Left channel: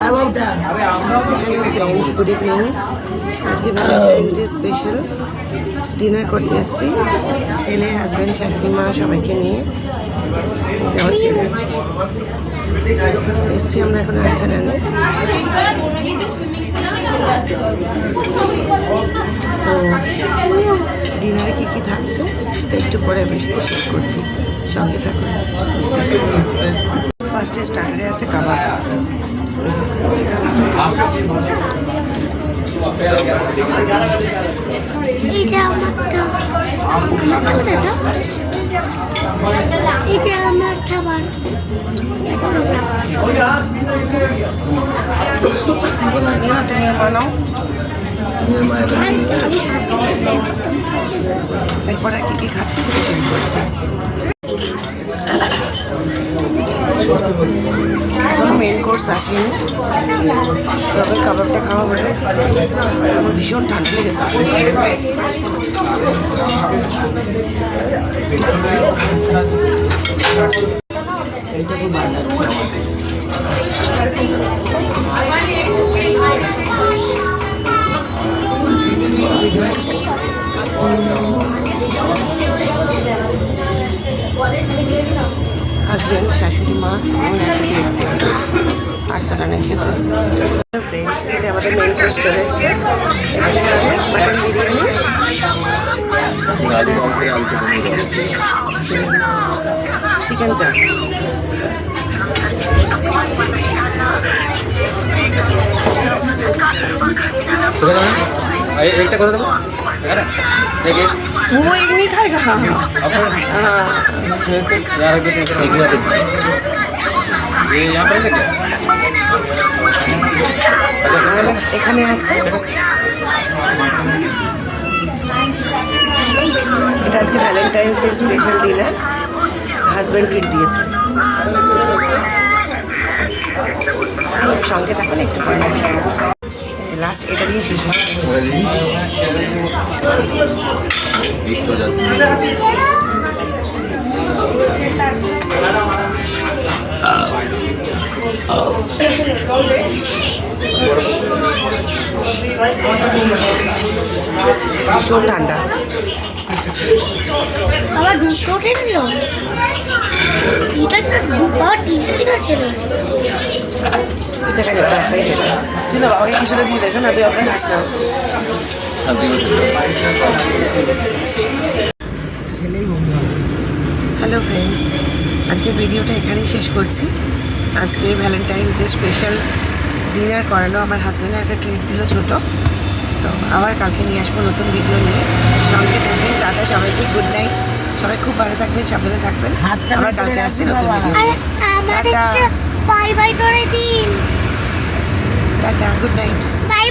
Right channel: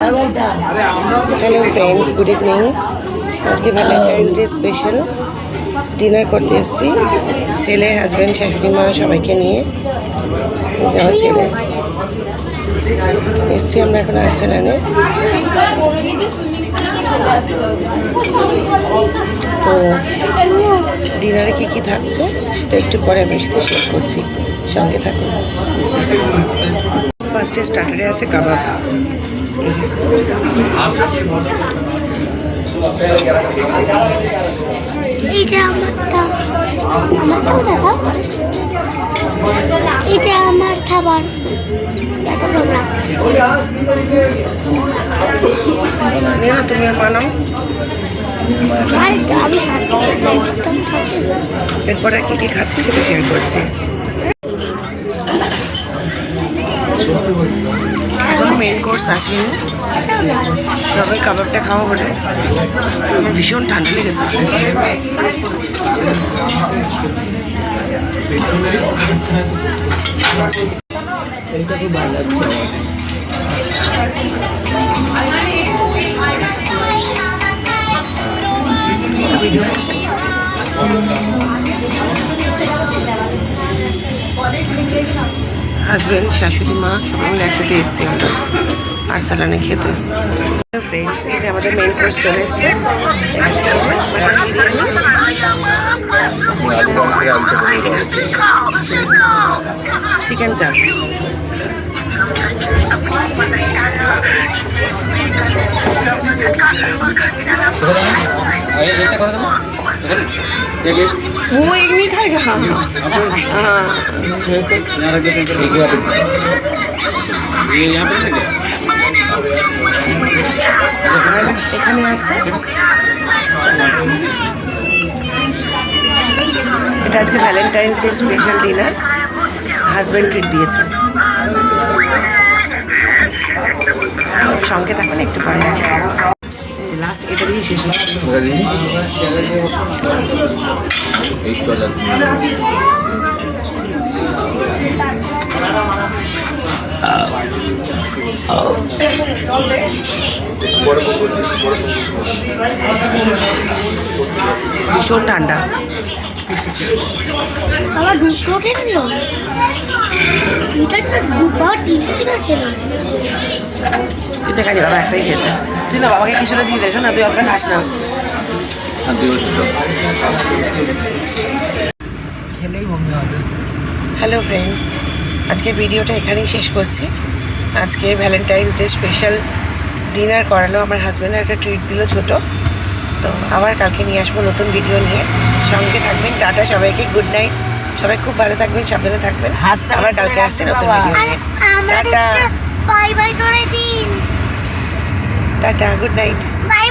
Hello friends, good evening. আজকে Valentine's day special dinner করতে এসেছি ছেলে, হাজব্যান্ড, শাশুড়ি মা সবাইকে নিয়ে। আমার ছেলে এসছি আমরা এখন আর্সেনালে। তো ডিনারে কী কী থাকছে সেটা একটু পরে আমি সাথে শেয়ার করছি, সঙ্গে থাকুন। ফার্স্টে স্টার্টারে আছে কাবাব। এটা আমার খাবার। তুমি বানাও, এরপরে কি কি খাচ্ছি সেটা শেয়ার করছি। এখন মেন কোর্স আসেনি, সবাই কাবাবটা খাওয়া বলে আমার ভীষণ ঠান্ডা লেগেছে। এটা খুব ভালো লাগছে হাজব্যান্ড, শাশুড়ি মা সবাই একসাথে এসেছি আমরা আর্সেনালে খেতে। ফ্রেন্ডস, এই যে আমাদের মেইন কোর্স চলে এসছে। এখানে আছে মাটন বিরিয়ানি, চিকেন চাপ, वो एक नहीं खाएगा। हाँ এখানে আছে, এটা আজকে Valentine's day special dinner, husband treat দিয়েছে। সঙ্গে থাকুন, একটু পরে আসছি। লাস্ট এটা দিয়ে শেষ হচ্ছে। ভীষণ ঠান্ডা। আমার দুটো খেল, এটা দুবার তিনটে দিন ছিল। তিনটে খালি, বাবা একটাই খেয়েছে। তুই না বাবাকে কিছুটা দিয়ে দেছো না, তুই আপনার খাস না। হ্যালো ফ্রেন্ডস, আজকের ভিডিওটা এখানেই শেষ করছি। আজকে ভ্যালেন্টাইন্স ডে স্পেশাল ডিনার করালো আমার হাজব্যান্ড, একটা ট্রিট দিল ছোটো। তো আবার কালকে নিয়ে আসবো নতুন ভিডিও নিয়ে, সঙ্গে থাকবেন। টাটা সবাইকে, গুড নাইট। সবাই খুব ভালো থাকবেন, সাবধানে থাকবেন। আবার কালকে আসছি নতুন ভিডিও নিয়ে। টাটা, বাই বাই করে দিন। Tata, good night. বাই।